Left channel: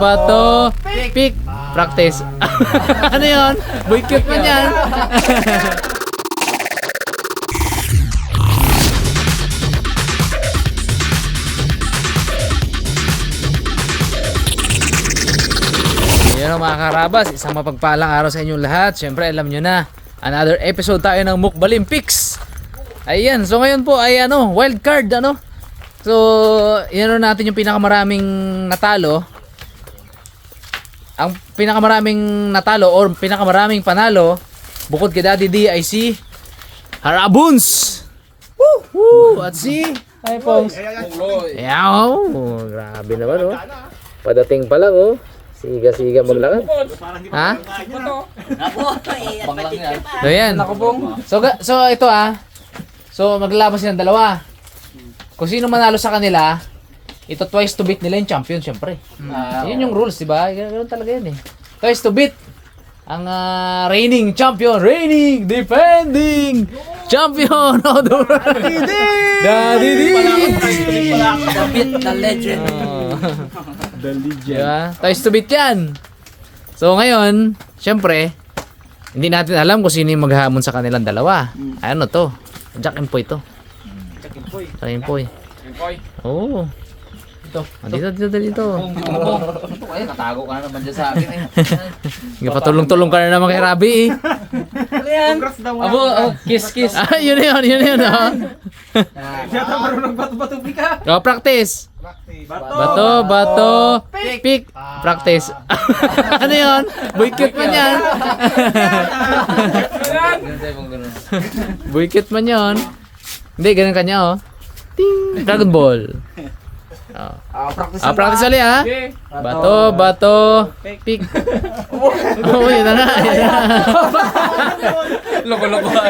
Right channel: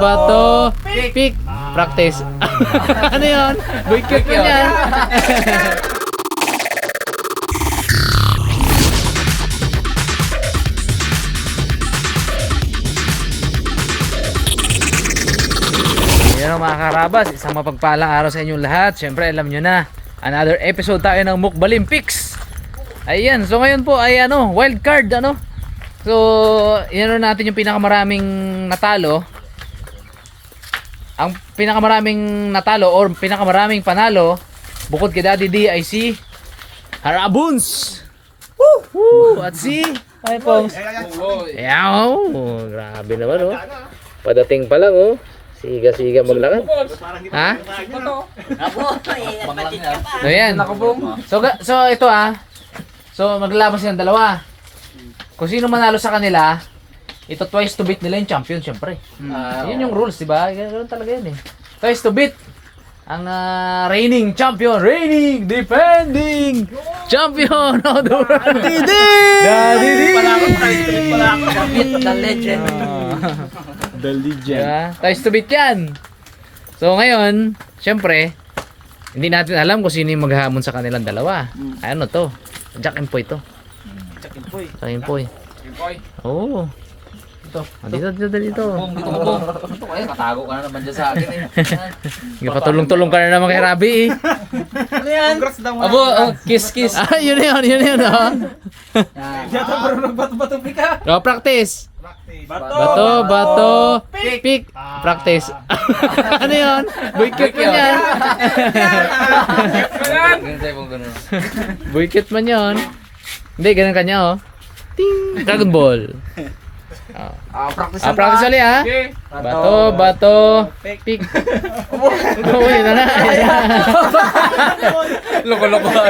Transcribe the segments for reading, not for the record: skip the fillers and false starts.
bato, pick, practice. Ano yun? Boycott mo yan. Yan mga karabas, isang mapagpalang araw sa inyong lahat. Siyempre alam nyo na, another episode tayo ng Mukbalim Picks. Ayan, so ngayon po ay wild card So, yan natin yung pinakamaraming natalo. Ang pinakamaraming natalo or pinakamaraming panalo bukod kay Daddy D ay si Harabuns. Woo! Woo! At si Pongs. Yaw! Grabe naman Padating pa lang Siga-siga maglakad. Ha? Ayan. So ito So maglabas ng dalawa. Kung sino manalo sa kanila, ito twice to beat nila yung champion syempre. Yun yung rules, di ba? Ganoon talaga yun Twice to beat ang reigning champion, reigning defending champion of the world. Daddy D. The legend. The legend. Diba? Twice to beat yan. So ngayon, syempre, hindi natin alam kung sino yung maghahamon sa kanilang dalawa. Ano to? Jack and Poy to. Jack and Poy. Oo. Dito. Dito. Ito kaya katago ka na naman dyan sa akin Patulong-tulong ka na naman kay Rabi Ano yan? Abo, kiss. Yun practice. Bato, pick, practice. Ano yun? Boycott man yan. Boycott man yun. Hindi, ganun kanya Ting! Dragon Ball. Practice ulit Bato, pick. Yun na nga.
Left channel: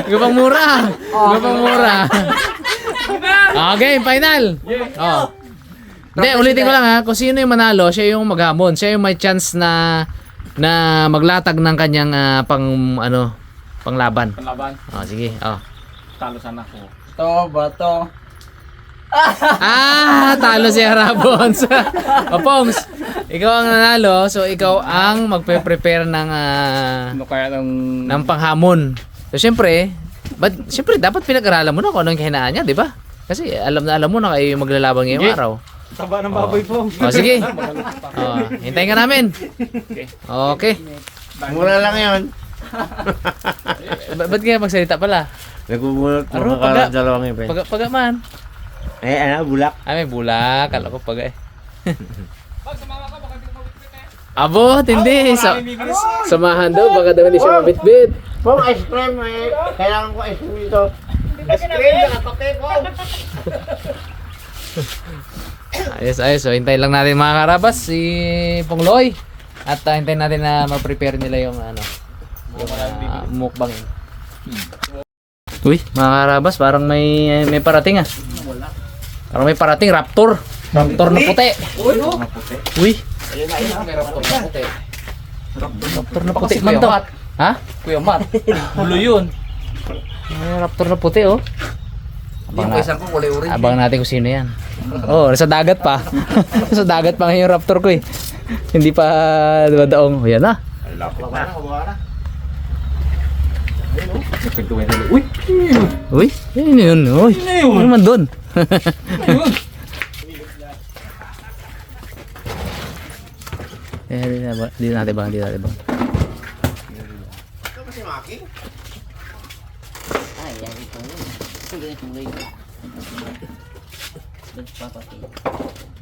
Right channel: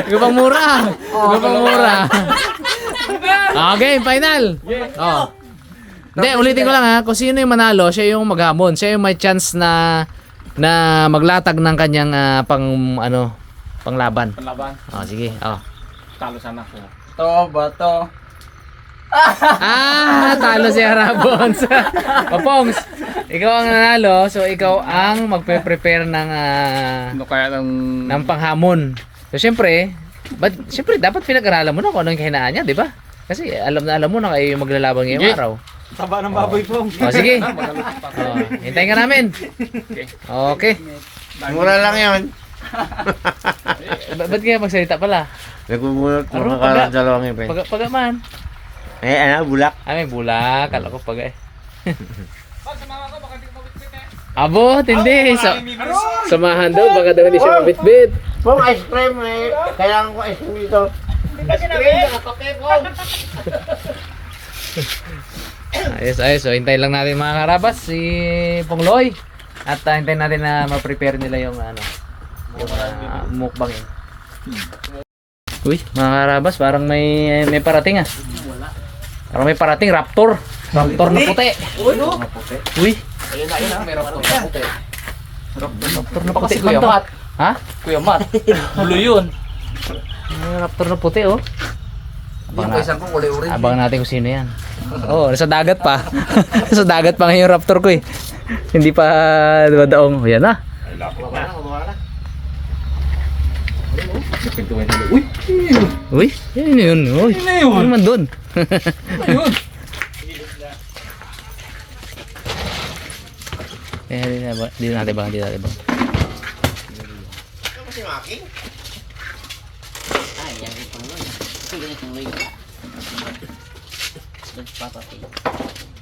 Gupang mura. Okay, final. Hindi, ulitin ko lang kung sino yung manalo, siya yung maghamon. Siya yung may chance na maglatag ng kanyang panglaban. Sige. Talo sana ko. Bato. Talo si Harabons. Pongs, ikaw ang nanalo, so ikaw ang magpe-prepare ng panghamon. So siyempre dapat pinag-aralan mo na kung anong kahinaan niya, di ba? Kasi alam mo na kayo maglalaban ngayong araw. Taba ng baboy po. Sige. Hintayin ka namin. Okay. Mura lang yun. Ba't kaya magsalita pala? Nagmumulot mga dalawang event. Pagaman. Bulak. May bulak. Kala ko paga Abo, hindi. Samahan daw, baka daw hindi siya mabitbit. Pong ice cream, kailangan ko ice cream dito. Ice cream, kape po. Ayos. So, hintayin lang natin mga karabas si Pongloy. At hintayin natin na ma-prepare nila yung mukbangin. Uy, mga karabas, parang may parating Parang may parating raptor. Raptor na puti. Uy. May raptor na puti. Raptor na puti man to. Ha? Kuya Matt. Hulo yun. May raptor na puti Abang natin kung sino yan. Nasa dagat pa. Nasa dagat pa ngayon yung raptor ko Hindi pa dumadaong. Yan na. Uy, yun. Uy, ano naman doon? Dito natin bang.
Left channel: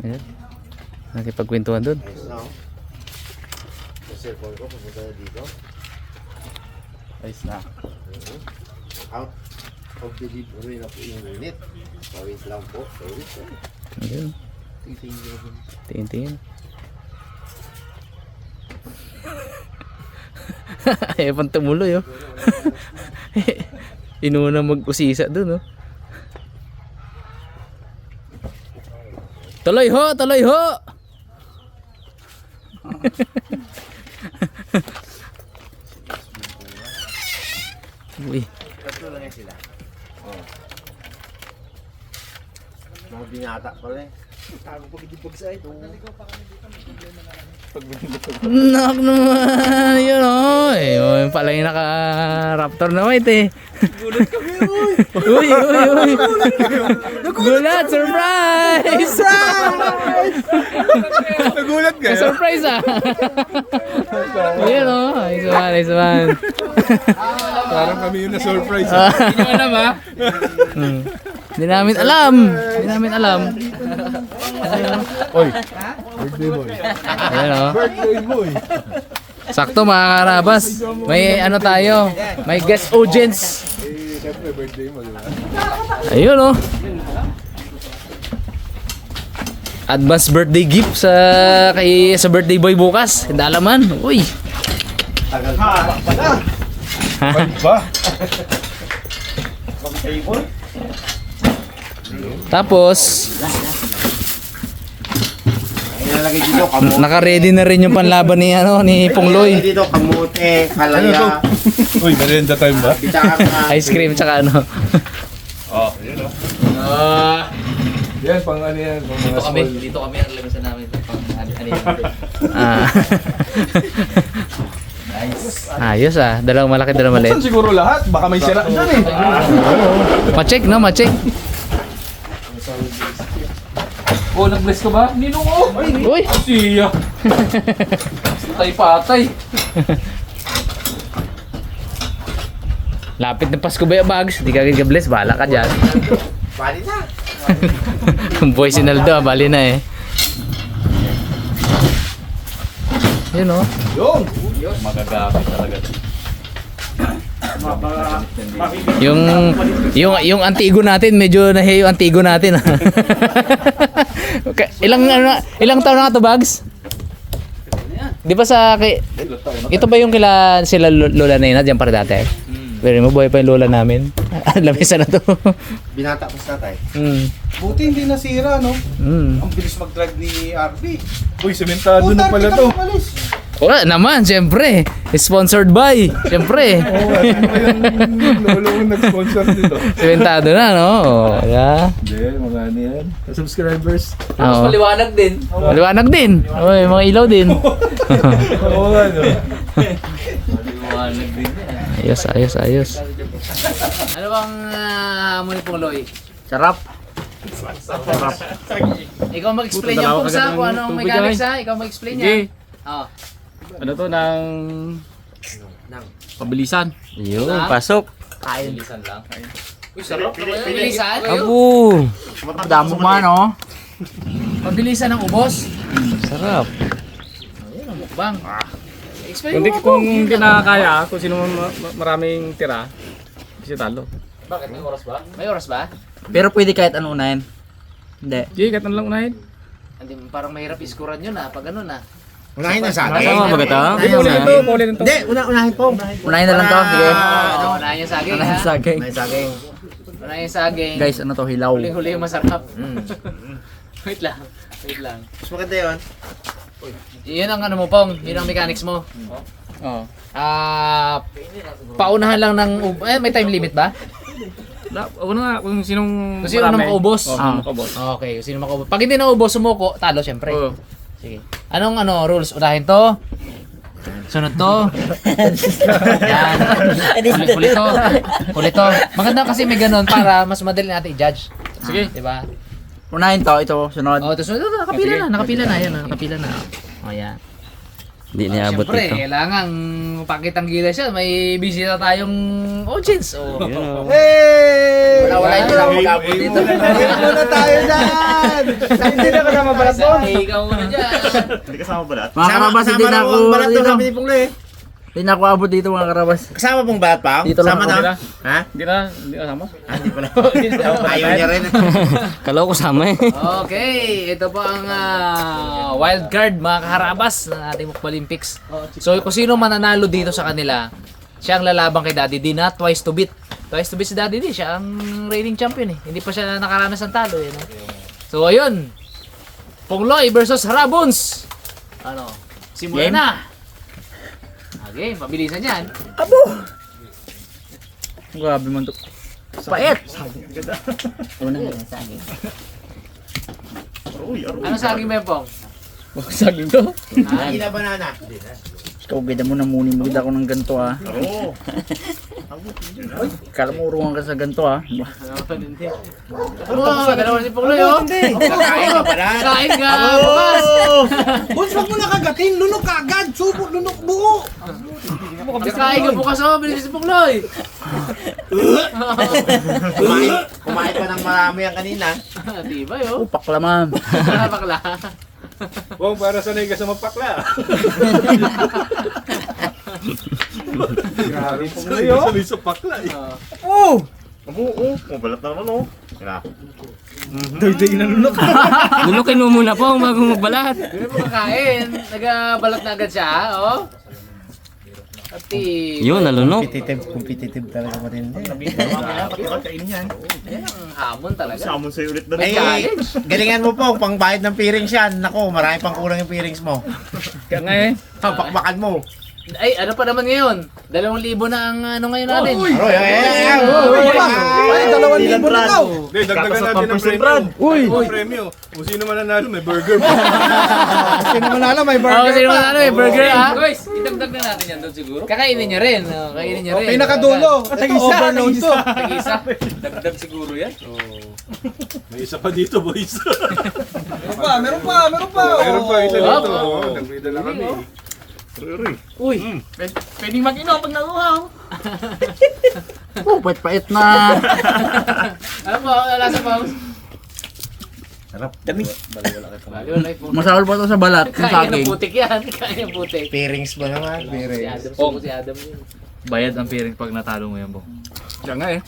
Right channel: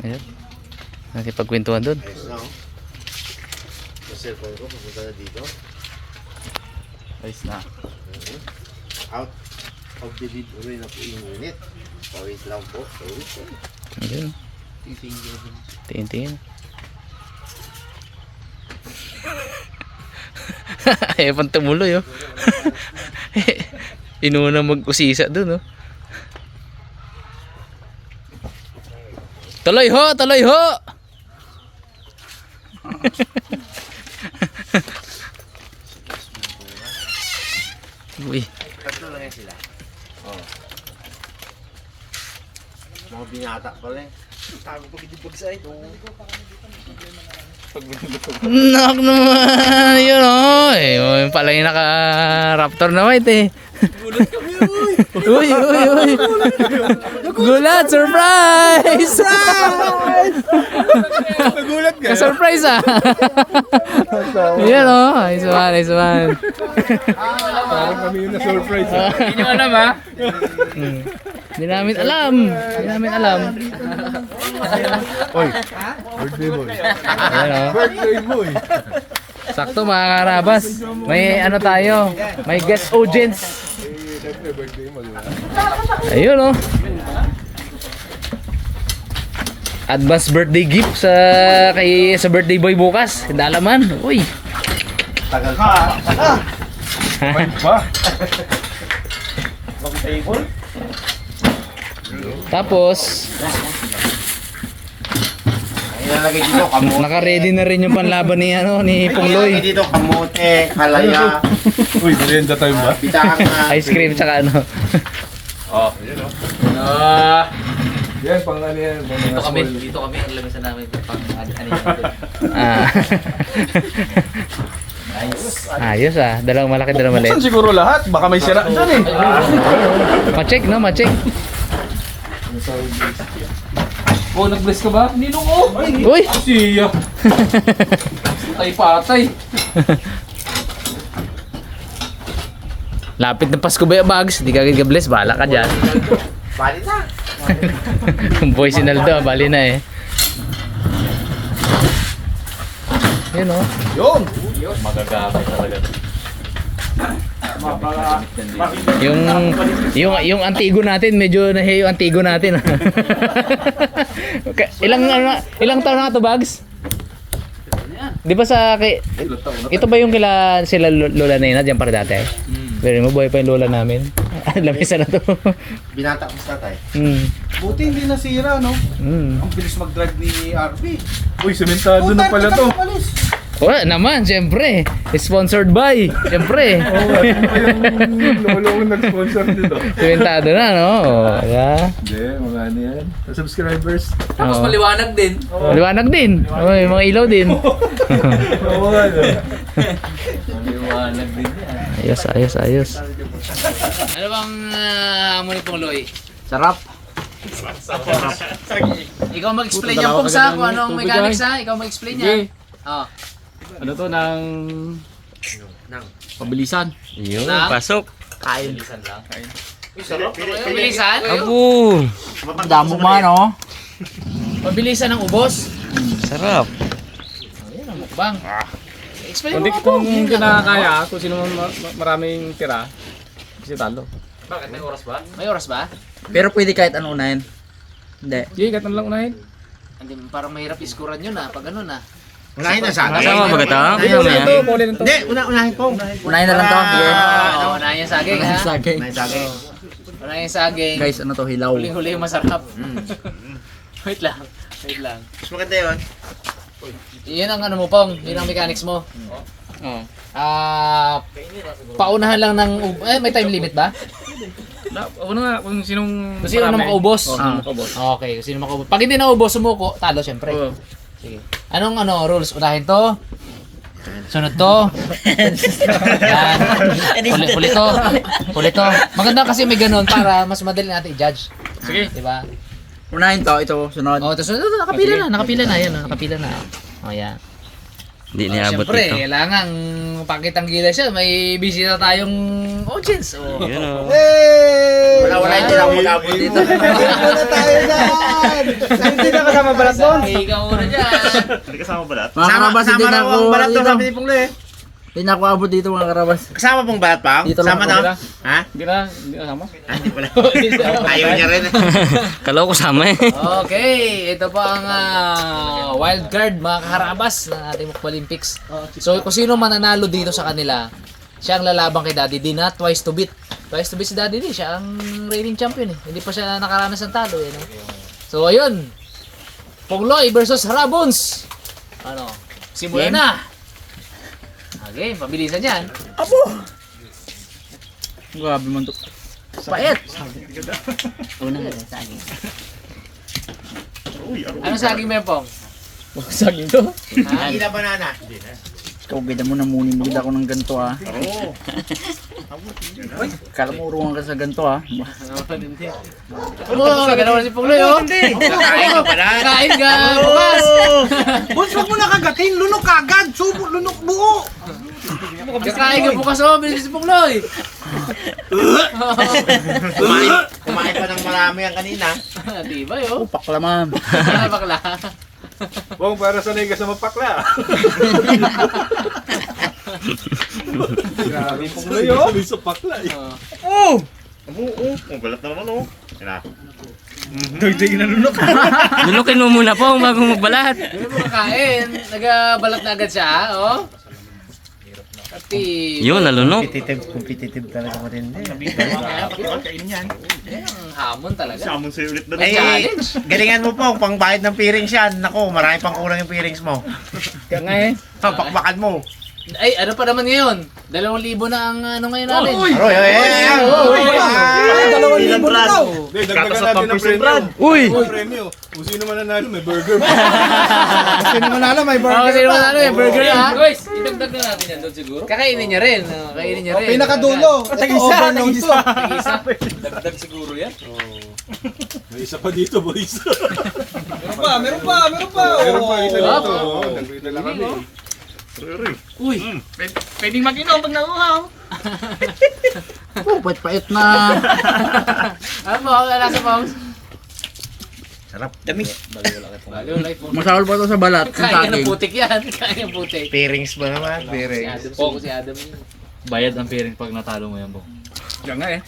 Ayan. Nakipagkwentuhan doon. Yung cellphone ko, pupunta na dito. Ayos na. Out of the lead, uwi na po yung minute. Pawis lang po. Ayan. Tingin. Ayaw pang tumuloy Inuna mag-usisa doon Tuloy ho! Uy. Tatlo lang yan sila. Mga binata pala Nak naman, yun o. Yung pala yung naka-raptor na white eh. Uy. Gulat, surprise! Nagulat ka? Surprise ah! Yun o, nice one. Parang kami yung na-surprise. Hindi nyo alam ha? Hindi namin alam. Oy, birthday boy. Ayan o. Birthday boy. Sakto mga karabas. May ano tayo. May guest audience. Siyempre, birthday mo, di ba? Ayun o. Advance birthday gift sa birthday boy bukas. Dalaman. Uy. Tagal ka. Ba? Tapos Ilalagay dito kamote. naka-ready na rin yung panlaban ni Ilalagay Pungloy. dito kamote, halaya, Uy, merienda time ba? bitaka. Ice cream tsaka ano. Yan, pang ano yan. Pang mga small. Dito kami ang lamisan namin. Pang ano yan. Ah. Ayos ah. Dalawang malaki, dalawang Saan maliit. siguro lahat? Baka may sira dyan eh. Ma-check no, ma-check. Oh, nag-bless ka ba? Ninong oh! Uy. Siya! Patay. Lapit na Pasko ba yung bags? Hindi ka agad bless. Bahala ka dyan. Bali na. Boy Sinaldo, bali na eh. Yun oh. Magagamit talaga. Yung Antigo natin, medyo nahiyo yung Antigo natin. Ilang taon na nga to, Bags? Di ba ito ba yung sila lola na yun, diyan para dati? Pero mo, buhay pa yung lola namin. Lamisa na to. Binata ko sa tatay. Buti hindi nasira, no? Ang bilis mag-drive ni RB. Uy, sementado na pala to. Wala naman, siyempre. Sponsored by. Siyempre. Oo, at yung lolo ko nag-sponsor dito. Sementado na, no? Oh, yeah. Hindi, mga ano yan. Sa subscribers. Oo. Maliwanag din. Maliwanag din. Oy, mga ilaw din. Oo nga, no? Maliwanag din yan. Ayos. Ano bang hamon ni Pungloy? Sarap. Ikaw mag-explain yan kung sa kung anong mechanics ha? Ikaw mag-explain yan. Oh. Ano to ng pabilisan? Yun, pasok. Bilisan lang. Pabilisan? Apo! Damo man oh. Pabilisan ng ubos. Sarap. Ayun ang mukbang. Explain Kung, mo. kung kinakaya, kung sino maraming tira, kasi talo. Bakit may oras ba? May oras ba? Pero pwede kahit ano unahin. Hindi. Sige, kahit ano lang unahin. Hindi, parang mahirap iskuran yun ha, pag ano na. Unahin na sa akin. Kasama ba ito? Sige, unahin to, paulitin to. Hindi, unahin ko. Unahin na lang to. Sige. Ano, unahin yung saging ha? Unahin saging. Unahin sa akin. Unahin yung saging. Guys, ano to? Hilaw. Huling-huli yung masarap. Wait lang. Mas maganda yun. Yan ang ano mo, Pong. Yun ang mechanics mo. Oo. Paunahan lang ng may time limit ba? Una nga, kung sinong Kung sino na makaubos. Oo, sino makaubos. Okay, kung sino makaubos. Pag hindi naubos, sumuko, talo syempre. Oo. Sige. Anong rules? Unahin to. Sunod to. Yan. Huli to. Huli to. Maganda kasi may ganun para mas madali natin i-judge. Sige. Diba? Unahin to. Ito. Sunod. Oh, tapos nakapila na. Yan, nakapila na. Oh, yan. Hindi niabot Siyempre, dito. kailangan pakitang gila siya. May bisita tayong audience. Oh. Wala yung kailangan mag-abot dito. Muna tayo dyan! Hindi na kasama balat doon. Ikaw na dyan. Mga karabas, hindi na ako dito. Hindi na ako abot dito mga karabas. Kasama pong balat pa? Dito lang Kasama ako. na? Ha? Hindi na kasama. Hindi pala. Ayaw niya rin. Kalaw ko sama eh. Okay, ito po ang wild card mga kaharabas ng ating Mukbang Olympics. So kung sino mananalo dito sa kanila, siya ang lalabang kay Daddy D na twice to beat. Twice to beat si Daddy D, siya ang reigning champion eh. Hindi pa siya nakaranas ng talo eh. No? So ayun, Pungloy versus Harabons. Ano, simulan na. Okay, mabilisan yan. Grabe man to. Pait. Una na sa akin. Ano saging mo Pong? Huwag saging to. Hindi na banana. Ikaw, ganda mo na muni-muni ako ng ganito ah. Kala mo urungan ka sa ganito ah. Oo, gano'n si Pong Loy, oh. Kakain ka pala. Kakain ka, bukas. Boss, wag mo na kagatin. Lunok kagad. Subo, lunok buo. Kakain ka bukas, oh. Bilis si Pong Loy. Kumain pa ng marami yan kanina. Diba, yun? Upak laman. Ano bakla? Bong, para sanay ka sa mapakla. Sanay sa pakla eh. Oo, mabalat na naman oh. Doy-doy na lunok. Lunukin mo muna po bago magbalat. Hindi mo kakain. Nagabalat na agad siya, oh. Ati. Yun, nalunok. Competitive talaga matindi. Hamon talaga. Samon sa'yo ulit May challenge. Galingan mo po, pang bayad ng peerings yan. Nako, marami pang kulang yung peerings mo. Kaya nga eh. Pakbakan mo. Ay, ano pa naman ngayon? 2,000 na ang ano ngayon natin. Ay, 2,000 na daw. Hindi, dagdagan natin ng premyo. Uy! Premyo. Kung sino man nanalo, may burger. Kasi naman alam, may Oh, burger sino pa. na ano eh, burger ah. Guys, idagdag na natin yan doon siguro. Kakainin niya rin. Oh, kainin niya rin. Pinakadulo. Ito, overload to. Tag-isa. Dagdag siguro yan. May isa pa dito, boys. Meron pa. Meron pa isa dito. Nagpita lang kami. Uy, Pwedeng mag-inom pag nauhaw. Oh, pait-pait na. ano po? Wala sa Pongs? Tamis. Ayun, like Pongs. Masahol pa ito sa balat. Yung Kain ng saging. putik yan. Kain ng putik. peerings ba naman? Si Peerings. Adam, suko si Adam yun. Bayad ang piring pag natalo mo yan, Bong. Kaya nga eh.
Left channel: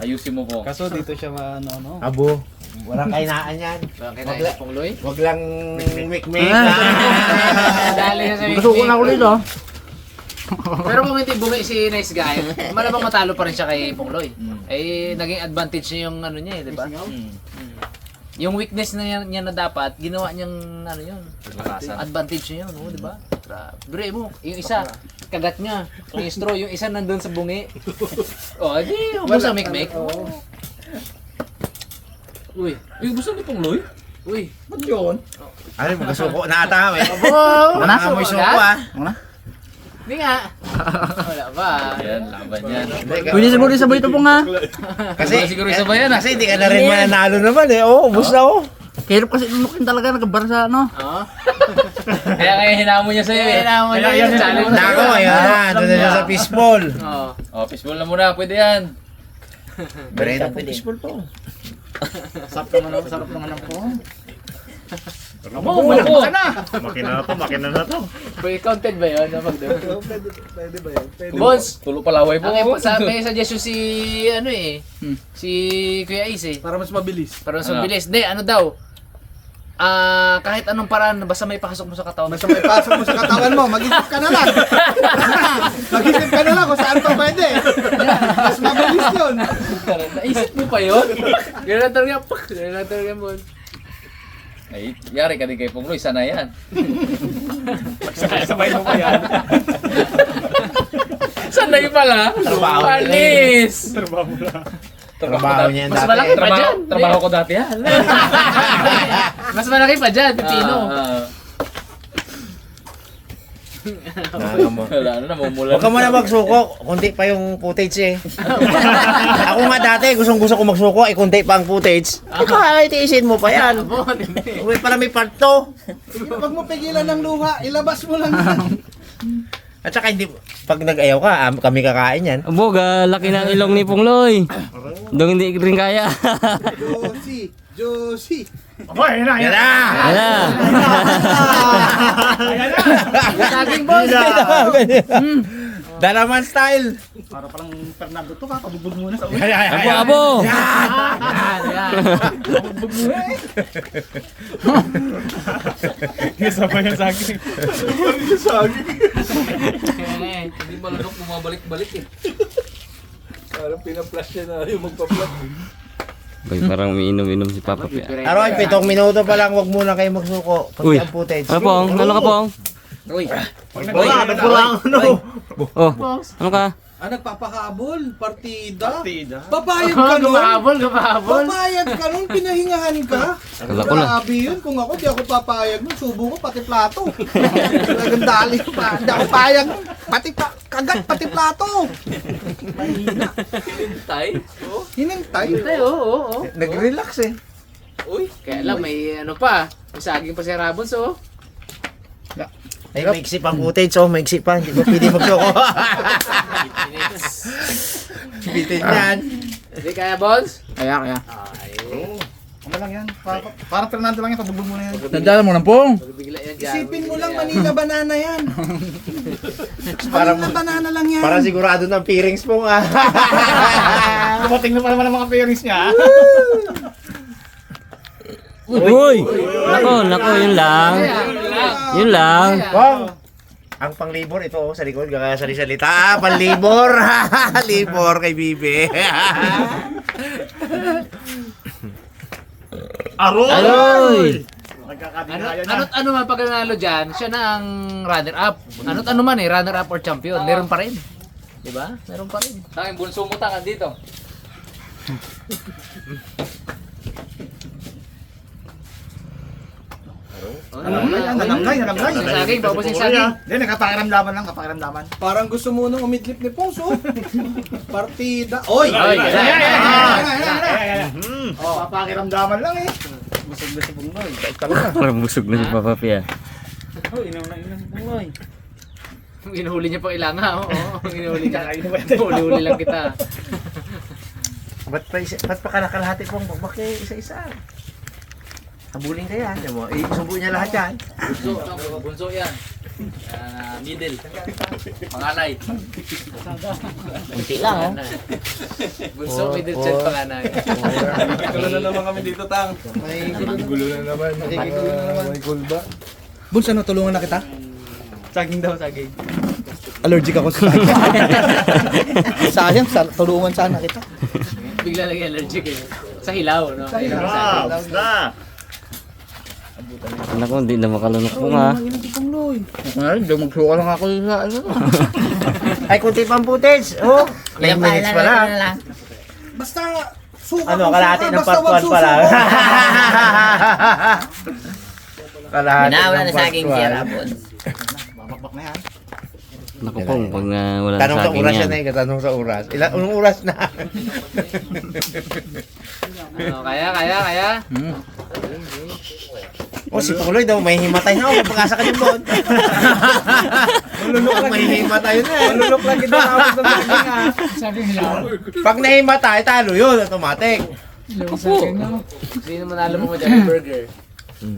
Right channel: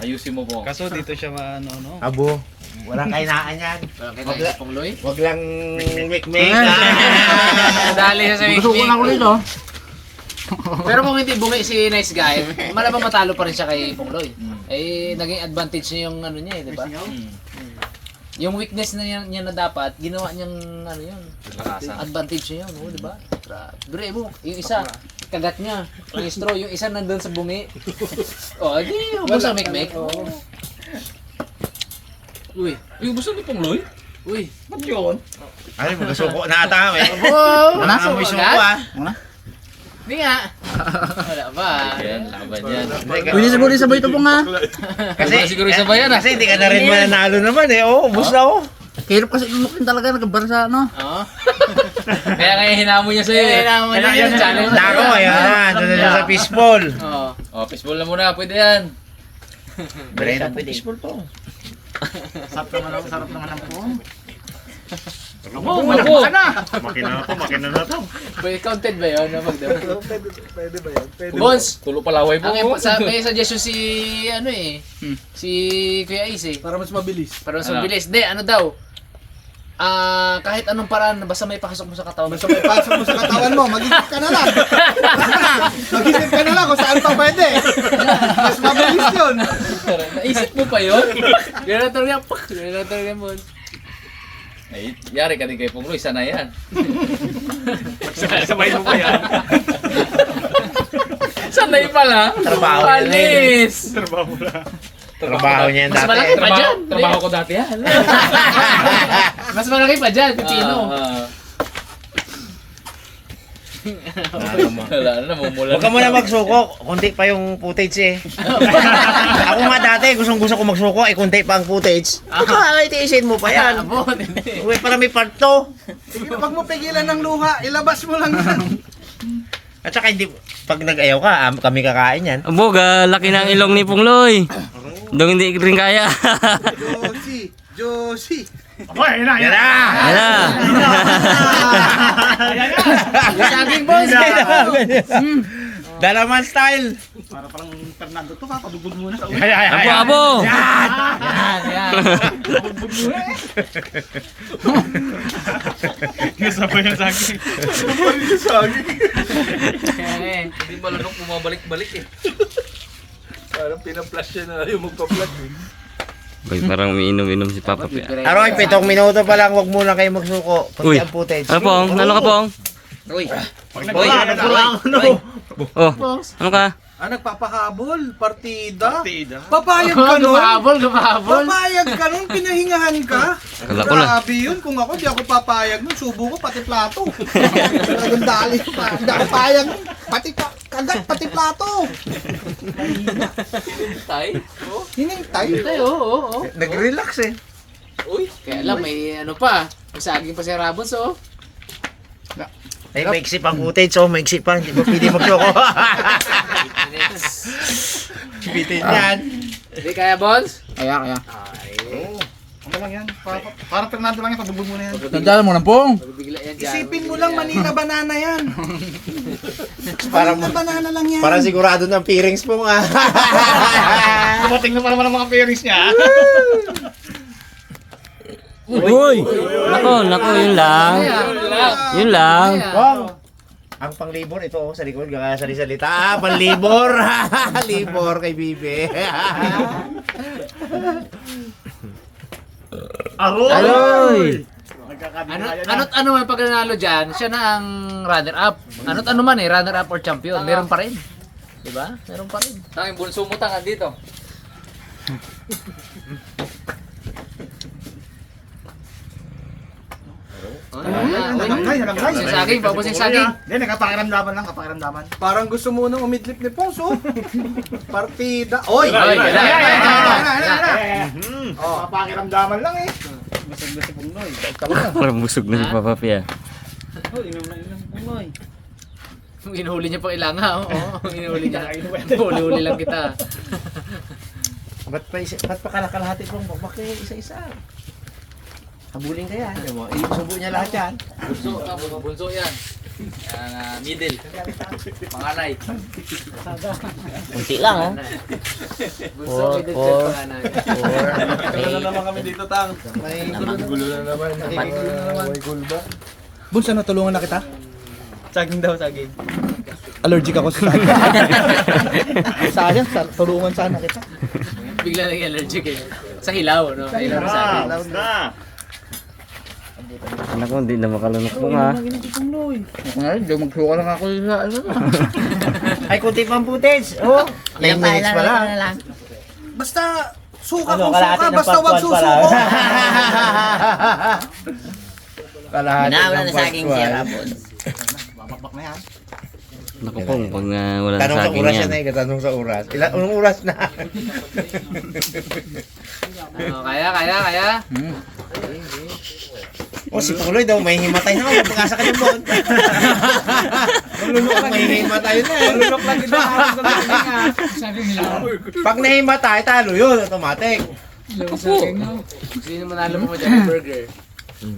Ayusin mo, Bong. Kaso dito siya ano. Abo, walang kainaan yan. Bakit na si Pong Loy? Wag lang wik-mik. Dali siya sa Gusto ko na weekly. ulit oh. Pero kung hindi bumi si Nice Guy, malamang matalo pa rin siya kay Pong Loy. Eh, naging advantage niya yung ano niya eh, di ba? Yung weakness na niya na dapat, ginawa niyang ano yun. Advantage niya yun, oh, di ba? Grabe mo, yung isa, kagat niya, yung straw, yung isa nandun sa bungi. Oh, di, ubos ang mikmik. Uy, Yung gusto ni Pong Loy? uy. Ba't yun? Ay, magkasuko na ata kami. Wow! Wala ka mo suko ah. Wala. Hindi nga. Wala ba? Yan, laban yan. Pwede siguro sabay ito po nga. Kasi, Siguro isa ba yan, ah? kasi hindi ka na rin mananalo naman eh. Oo, ubus na oh. Hirap kasi lunukin talaga nagkabar sa ano. Oo. Kaya hinamon niya sa'yo eh. Kailangan mo na yun, challenge. Nako, ayun na. Doon na sa fishball. Oo. Oh, fishball na muna, pwede yan. Brenda, fishball po. Sarap naman ang po. Abo, abo. Makina na to. Pwede counted ba yun? Boss, Tulo palaway po. may suggestion si ano eh. Si Kuya Ace eh. Para mas mabilis. Pero mas Ano? mabilis. Hindi, ano daw? Kahit anong paraan, basta may pasok mo sa katawan. Basta may pasok mo sa katawan mo, mag-isip ka na lang. Mag-isip ka na lang kung saan pa pwede. Mas mabilis yun. Naisip mo pa yun? Gano'n na talaga. Gano'n na talaga mo. Ay, yari ka din kay Pong Loy, sana yan. Sabay mo pa yan. Sanay pala. Trabaho. Panis. Trabaho niya yan Mas dati. malaki pa dyan. Trabaho ko dati yan. Mas malaki pa dyan, Pipino. Wala na, namumula. Huwag ka muna magsuko. Kunti pa yung footage eh. Ako nga dati, gusto ko magsuko, kunti pa ang footage. Ito ay tiisin mo pa yan. Abo, hindi. Uy, para may part 2. Huwag mo pigilan ng luha, ilabas mo lang yan. At saka hindi, pag nag-ayaw ka, kami kakain yan. Abo, laki ng ilong ni Pong Loy. Dong hindi rin kaya. Josie. Yan na! Yan na. Saging boss. Dalaman style! Para parang Fernando to, papabugbog muna sa ulo. Abo, abo. Yan, yan. Nasabay yung saging. Yan, Hindi malunok, bumabalik-balik eh. Parang pinaplush siya na yung magpa-plug. Boy, parang umiinom-inom si Papa Pia. Aroy, 7 minuto pa lang, wag muna kayo magsuko. Uy. Kunti ang footage. Ano Pong? Ano ka Pong? Uy. Uy, Oh, ano ka? Nagpapahabol, partida. Papayag ka nun. Gumabol. Papayag ka nun, pinahingahan ka. Kala ko na. Grabe yun. Kung ako, di ako papayag nun. Subo ko, pati plato. Talagang dali ko pa. Di ako papayag nun. Pati kagat, pati plato. Tay. Hinintay. Tay, oo. Nag-relax eh. Uy, kaya lang may ano pa. May saging pa si Rabos, oh. Ay, maiksi pang footage, maiksi pa. Hindi ko pwede magsuko. Bitin yan. Hindi kaya, Bols? Kaya. Ano lang yan? Parang Fernando lang yan. Pabubog mo na yan. Nagdala mo ng pong. Bigla yan dyan. Isipin mo lang, Manila banana yan. Manila banana lang yan. Parang sigurado ng peerings po nga. Dumating na pa naman ang mga pairings niya. Uy! Nako, yun lang. Yun lang. Ang panglibor ito sa likod, kakasali-salita. Panlibor! Libor kay Bibi. Aloy! Ano man pag nanalo dyan, siya na ang runner-up. Ano man runner-up or champion. Meron pa rin. Diba? Meron pa rin. Tanging bunso mo tangan dito. Nalangay. Saging, paubos yung saging. Hindi, nakapakiramdaman lang, kapakiramdaman. Parang gusto mo nang umidlip ni Ponso. Partida. Oy! Papakiramdaman lang eh. Parang busog na si Papa Pia. Inuhuli niya pang ilanga. Inuhuli niya. Huli-huli lang kita. Ba't pa kalakalahati pong bakit isa-isa? Habulin ka yan. Isubo niya lahat yan. Bunso yan. Middle. Panganay. Kunti lang Bunso, middle child, panganay. Gulo na naman kami dito, Tang. May gulo na naman. Nakikigulo na naman. May gulda. Bunsa, no, tulungan na kita. Saging daw, saging. Allergic ako sa sayang, tulungan sana kita. Bigla naging allergic eh. Sa hilaw, no? Sa hilaw. Nako, hindi na makalunok po nga. Ay, di magsuka lang ako sa ano. Ay, kunti pang footage. 9 minutes pa lang. Basta, suka Ano, kung kalahati suka, ng basta part 1 wag pa lang. susuko. Kalahati Wala ng na part saging 1. si Rabon. Nako pong, pag wala na Tanong sa saging oras yan. yan tanong sa oras. Anong oras na? Kaya. Si Tuloy daw, may himatay na ako. Pag-asa ka din doon. May himatay na. Lulok lang kita ako sa saging ha. Pag nahimatay, talo yun. Automatic. Sino manalo mo dyan ng burger?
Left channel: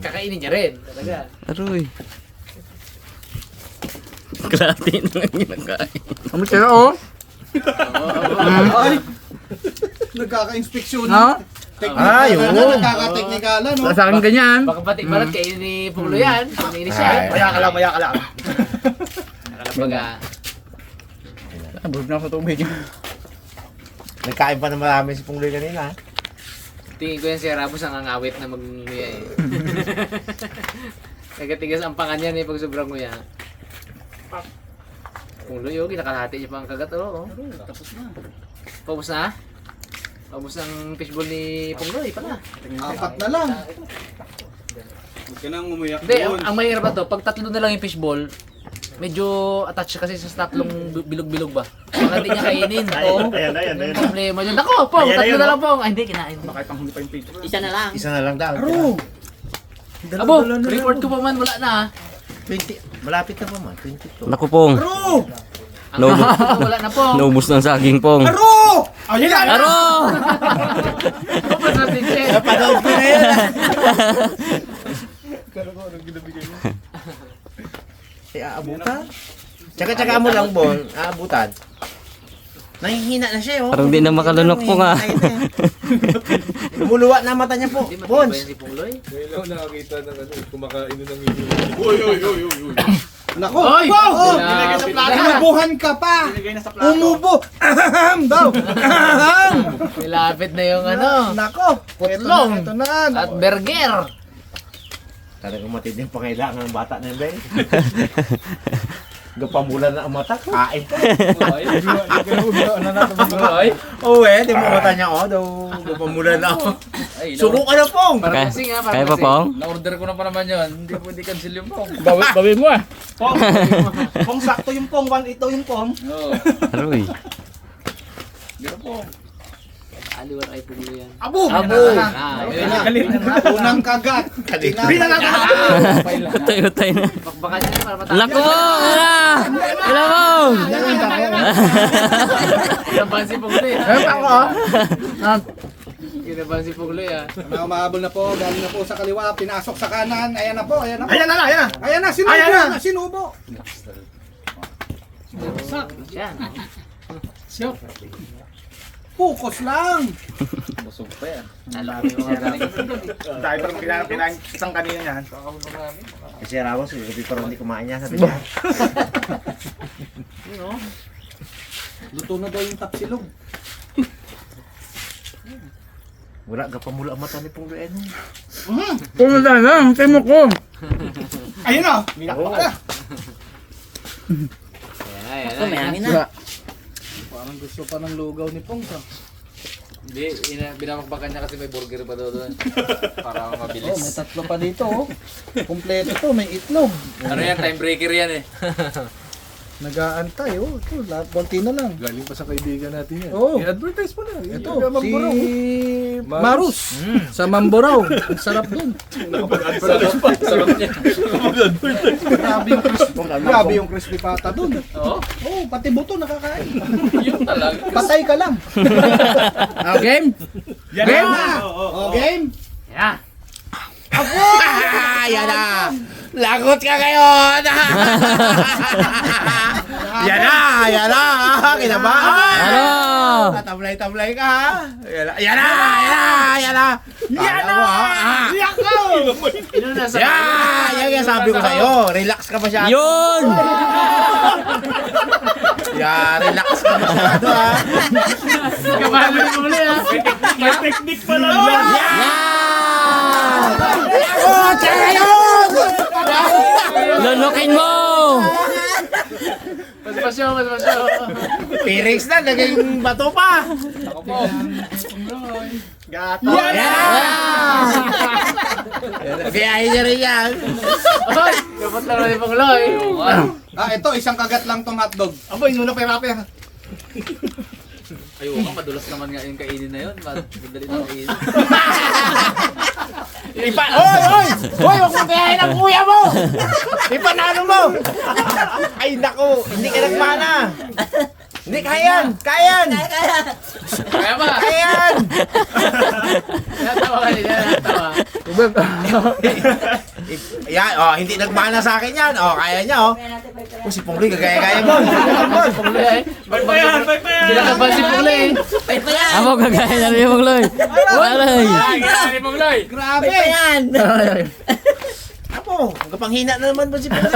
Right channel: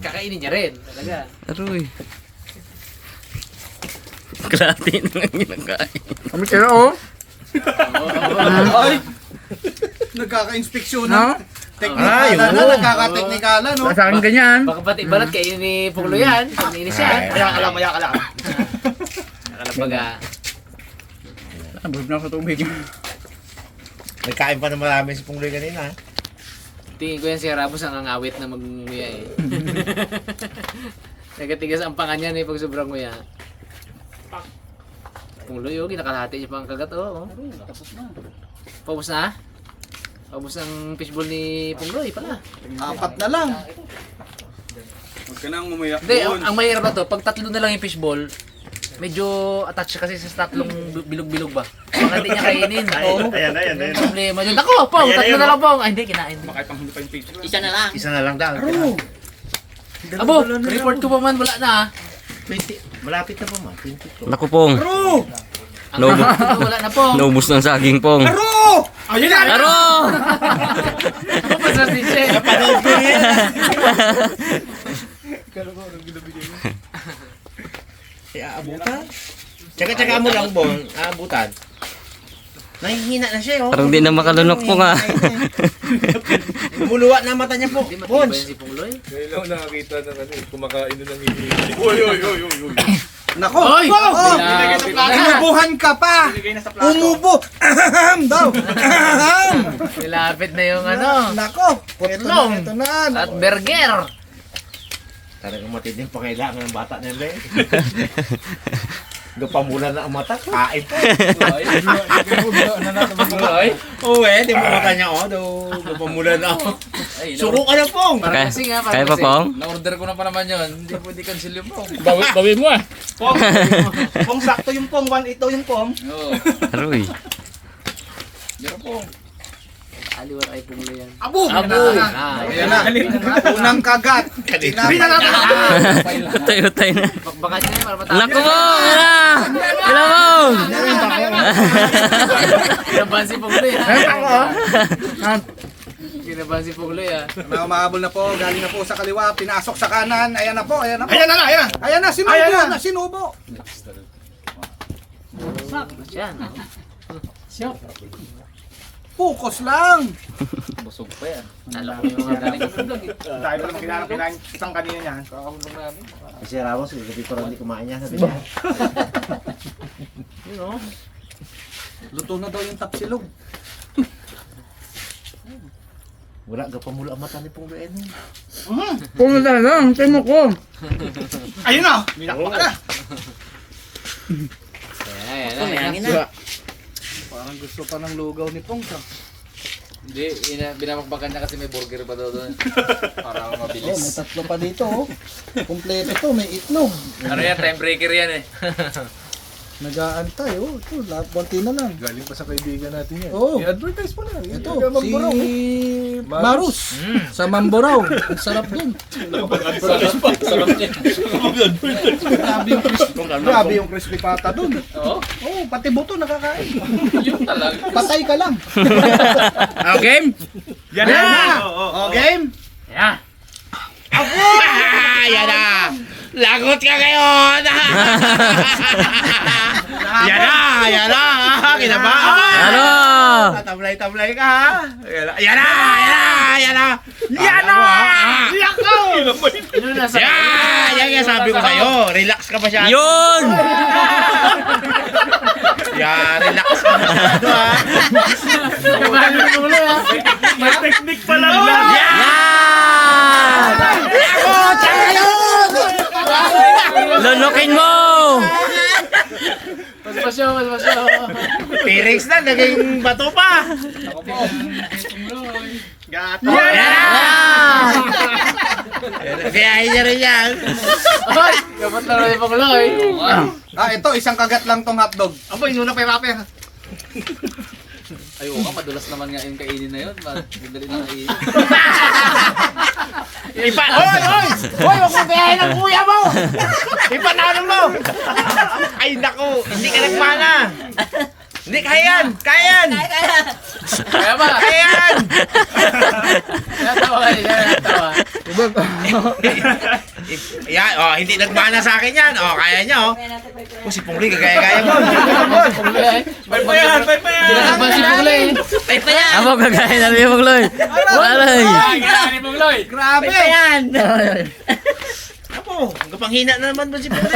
Kakainin niya rin. Talaga. Aroy. Kalahati na lang ginagain. Kami sila, oh. Ay! Nagkaka-inspeksyon Ha? na. Teknikala na, nagkaka-teknikala, no? Sa akin ganyan. Baka pati balat kayo ni Punglo yan. Pag nainis siya. Maya ka lang. Baga. Busog na ako sa tubig. Nagkain pa na marami si Pungloy kanina. Tingin ko yan si Rabos ang angawit na mag-nguya eh. Nagatigas ang panga niya eh pag sobrang nguya. Punglo yun, kinakalahati niya pa ang kagat. Tapos na. Paubos na? Paubos ang fishball ni Punglo pala. 4 na lang. Huwag ka nang umuyak. Hindi, ang mahirap ba to, pag tatlo na lang yung fishball, medyo attached kasi sa tatlong bilog-bilog ba? Baka hindi niya kainin. Ayan. Problema yun. Ako, Pong, tatlo na lang Pong. Ay, hindi, kinain. Baka panghuli pa yung page. Isa na lang. Isa na lang daw. Abo, report ko pa man, wala na. 20. Malapit na pa mo. 22. Nako pong. Naubos, Wala na Pong. naubos ng saging pong. Ayun na! Aro! Sa DJ. Aabutan? Tsaka mo lang, Bon. Aabutan. Nahihina na siya, oh. Parang di na makalunok po nga. Lumuluwa na mata niya po. Hindi Bon. matibay si Pungloy. Ngayon lang nakakita ng kumakain na ng ibig. Nako! Oy! Wow! Umubuhan ka pa! Umubo! Aham daw! Aham! Malapit na yung ano. Nako! Putlong. Ito na. At burger. Talagang matinding pangailangan ng bata na yun, Ben. Gapamulan na ang mata. Kain pa. Ay, Oo di mo mata niya daw gapamulan na ako. Suko ka na pong. Kaya pa, Pong? Na-order ko na pa naman yun. Hindi pwede cancel yung mo. bawi mo ah. Pong. Pong sakto yung pong, 1-8 daw yung pong. Oo. Aroy. Meron po. Aliwar ay pumulo yan. Abo! Ayan na. Unang kagat. Utay-utay na. Baka siya para matapos. Naku mo! Kailan mo! Kinabahan si Pugloy. Kinabahan si Pugloy ah. Mga mahabol na po, galing na po sa kaliwa, pinasok sa kanan. Ayan na po, ayan na po. Ayan na. Ayan na, sinubo na, sinubo. Yan. Focus lang. Busog pa yan. Dahil parang kinain isang kanina niyan. Si Ramos, dito rin hindi kumain niya. Sabi niya. Luto na daw yung tapsilog. Wala gapamula ang mata ni Pong Luen. Pumunta na, ang timo ko. Ayun na! Minakpak na! Ayan na. Parang gusto pa ng lugaw ni Pong. Hindi, binabakbakan niya kasi may burger pa doon. Para Oh, may mabilis. tatlo pa dito. Kompleto to, may itlog. Ano yan, time breaker yan eh. Nag-aantay, ito, konti na lang. Galing pa sa kaibigan natin yan. Oo. I-advertise mo na. Ito, si Marus sa Mamboraw. Ang sarap dun. Sarap niya. Grabe yung crispy pata dun. Oo. Oo, pati buto nakakain. Yun talaga. Patay ka lang. Game? Yan na! Oh, game! Yeah. Yan na! Lagot ka ngayon! Yan na! Kinabahan! Ano? Tablay-tablay ka ha! Yan na! Yan na! Yan yung sabi ko sa'yo. Relax ka masyado. Yun! Yan, relax ka masyado ha. Yan! Lunukin mo! Masipasyo. Pirix na, naging bato pa. Yan! Biyahe niya rin yan. Ay, dapat laro yung Pugloy. Ito, isang kagat lang tong hotdog. Abo, yun na pa. Ay, oo, madulas naman nga yung kainin na yun. Madali na kainin. Hoy! Huwag ka biyahe ng kuya mo! Ipanalo mo! Ay, naku! Hindi ka nagpana! Hindi, kayan! Kaya ba? Kayan! Natawa Yan, hindi nagmana sa akin yan. Kaya niya, si Pungli, kagaya-gaya mo. Pugloy ay. Kinakabahan si Pugloy. Amo kagaya na rin yung Loy. Aray! Kaya ni Pugloy. Grabe! Apo, kapanghina na naman mo si Pungli.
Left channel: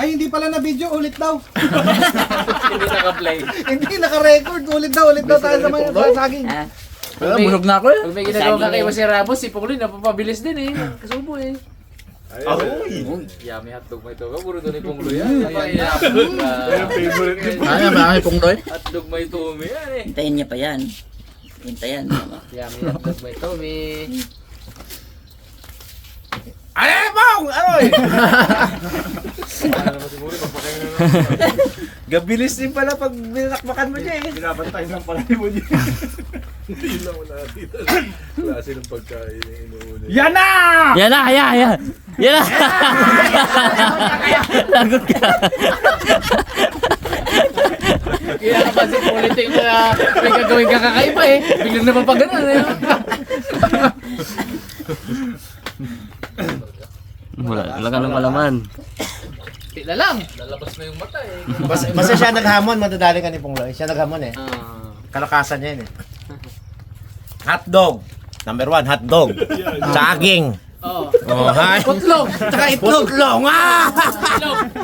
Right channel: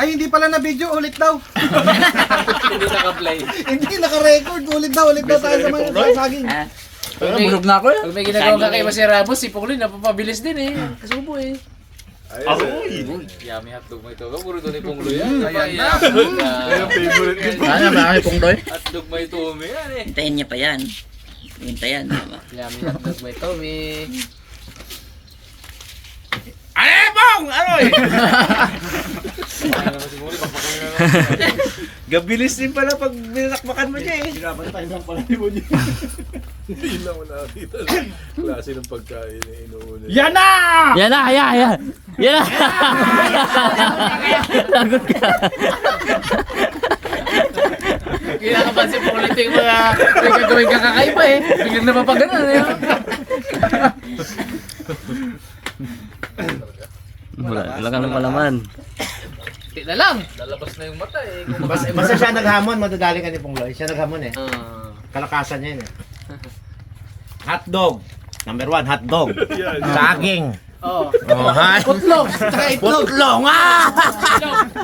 Ay, hindi pala na video, ulit daw. Hindi naka-play. Hindi naka-record, ulit daw tayo sa mga saging. Busog na ako eh. Pag may ginagawa ka kay Masya Ramos, si Pugloy napapabilis din eh. Kasubo eh. Aroy! Yummy hotdog mo ito. Kaburo ito ni Pugloy yan. Ayan. Ano ba ang Pong Doy? Hotdog mo ito yan eh. Hintayin niya pa yan. Hintayin. Yummy hotdog mo ito eh. Ay, Pong! Aroy! Gabilis din pala pag binakbakan mo niya eh. Pinapantay ng pala mo niya. Hindi lang mo nakakita. Klase ng pagkain na inuuna. Yan na! Yan na! Yan na! Lagot ka! Kinakabahan si Pugloy mo na may gagawin ka kakaiba eh. Biglang napapagano eh. Wala ka ng malaman. Hindi na lang. Lalabas na yung mata eh. Basta siya naghamon, madadali ka ni Pungloy. Siya naghamon eh. Ah. Kalakasan niya yun eh. Hotdog. Number 1, hotdog. Saging. Oh. Putlog. Tsaka itlog. Putlog ah!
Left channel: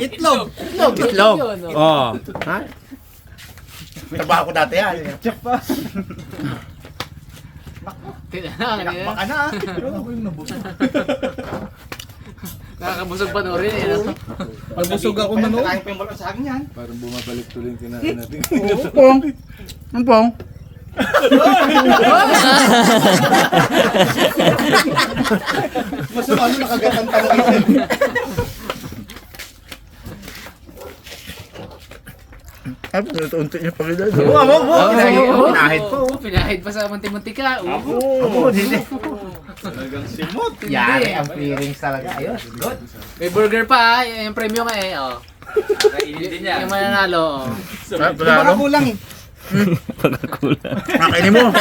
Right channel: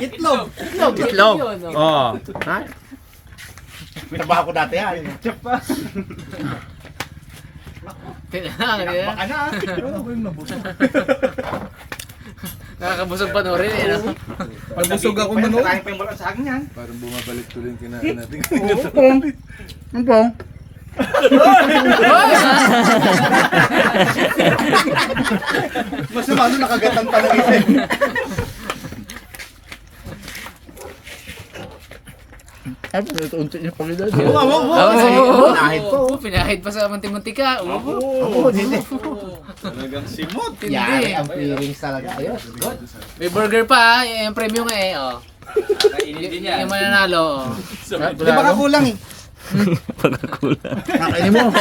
Itlog. Itlog. Oh. Ha? Trabaho ko dati yan. Hindi na lang. Baka na. Nakakabusog pa rin eh. No? Magbusog ako manood. Parang bumabalik tuloy yung kinain natin. Pong. Ang pong. Mas lalo nakagatan pa ng isip. Ay, unti niya pag ito. Pinahid po. Pinahid pa sa manti-mantika. Ako, hindi. Talagang simot. Yari ang feelings talaga. Ayos, good. May burger pa, yung premium nga eh. Oh. Yung mananalo. Oh. Di ba kakulang eh? Pagkakulang. Nakainin mo.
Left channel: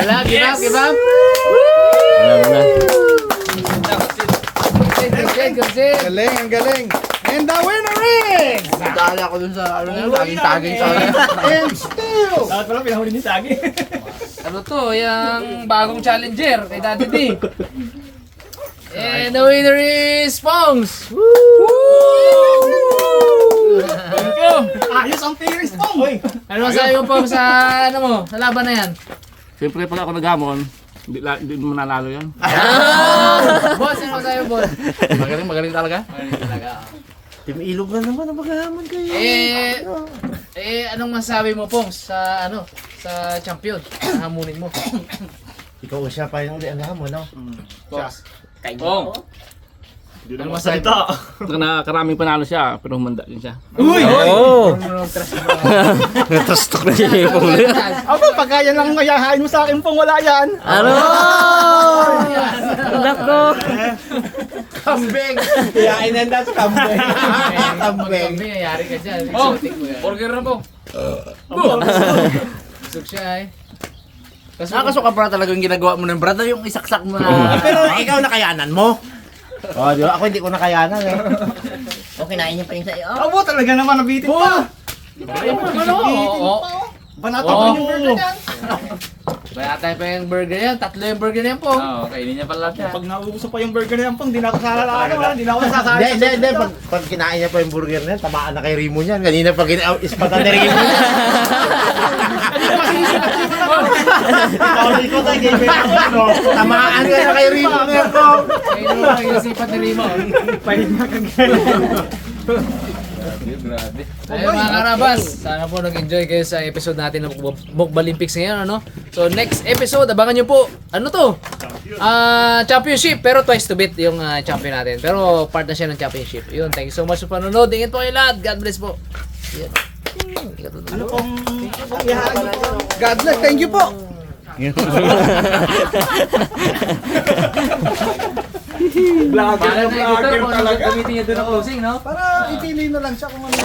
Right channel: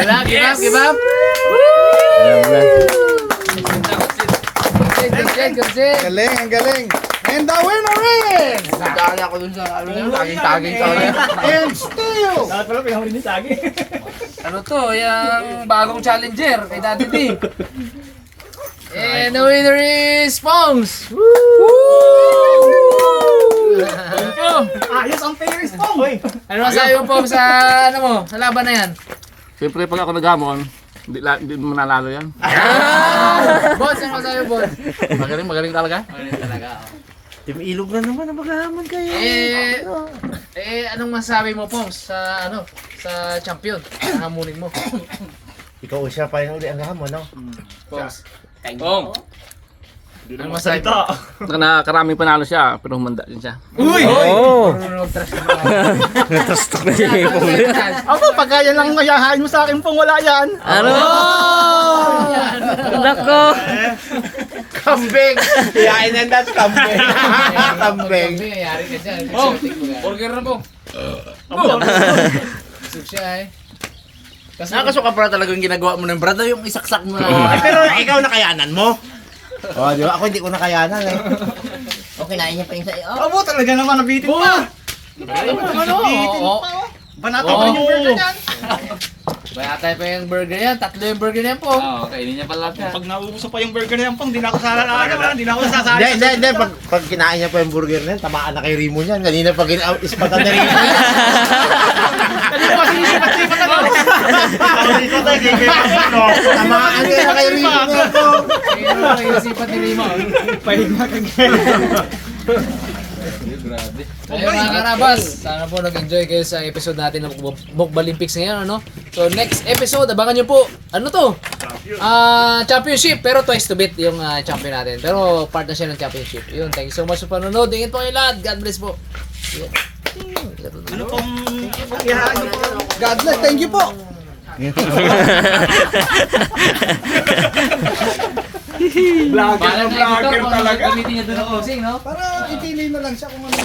Wala, give up, give up. Alam na. Galing, ang galing. And the winner is... Nadala ko dun sa taging sa akin. And still... Ano to, yung bagong challenger kay Daddy D. And the winner is Pongs! Ayos ang feelings po. Ano masabi mo Pongs sa ano mo, sa laban na yan? Siyempre pag ako naghamon, hindi mo mananalo yan. Boss, ano masabi mo, boss? Magaling talaga. Team Ilog na naman ang maghahamon kayo. Anong masabi mo Pongs sa ano, sa champion? Sa hamunin mo? Ikaw siya pa yung ang hamon, no? Pongs. Hindi na masalita. Nakaraming panalo siya, pero humanda din siya. Oo. Natastok na siya yung Pong. Ako, pagka yan lang mayahain mo sa akin pong wala yan. Ano? Nako. Kambing! Yain yan dat kambing. Kambing. Kambing, yari ka dyan. Burger na po. Busog siya eh. Nakasuka para talaga yung ginagawa mo ng brother, yung isaksak mo na. Ay, pero ikaw nakayanan mo. Oh, di ba? Ako hindi ko nakayanan eh. O, kinain niya pa yung sa'yo. Oh, Abo, talaga naman nabitin pa. Oo. Banata pa rin yung burger niyan. Bayatay pa yung burger yan. Tatlo yung burger yan po. Oo, kainin niya pala siya. Pag nauubos pa yung burger niyan, Pong, di na ako sasalala. Hindi na ako nasasali. Hindi. Pag kinain niya pa yung burger niyan, tamaan na kay Rimo niyan. Kanina pag ispatan ni Rimo niyan. Tamaan niya na kay Rimo niyan po. Ayun mo, yung sipat ni Rimo. Ayun mga karabas, sana po nag-enjoy kayo sa episode natin ng Mukbalimpics ngayon, ano? So next episode, abangan nyo po, ano to? Championship, pero twice to beat yung champion natin. Pero part na siya ng championship. Yun, thank you so much sa panonood. Ingat po kayo lahat. God bless po. God bless, thank you po. Vlogger talaga. Gamitin niya doon ang closing, no? Para ipili na lang siya kung ano.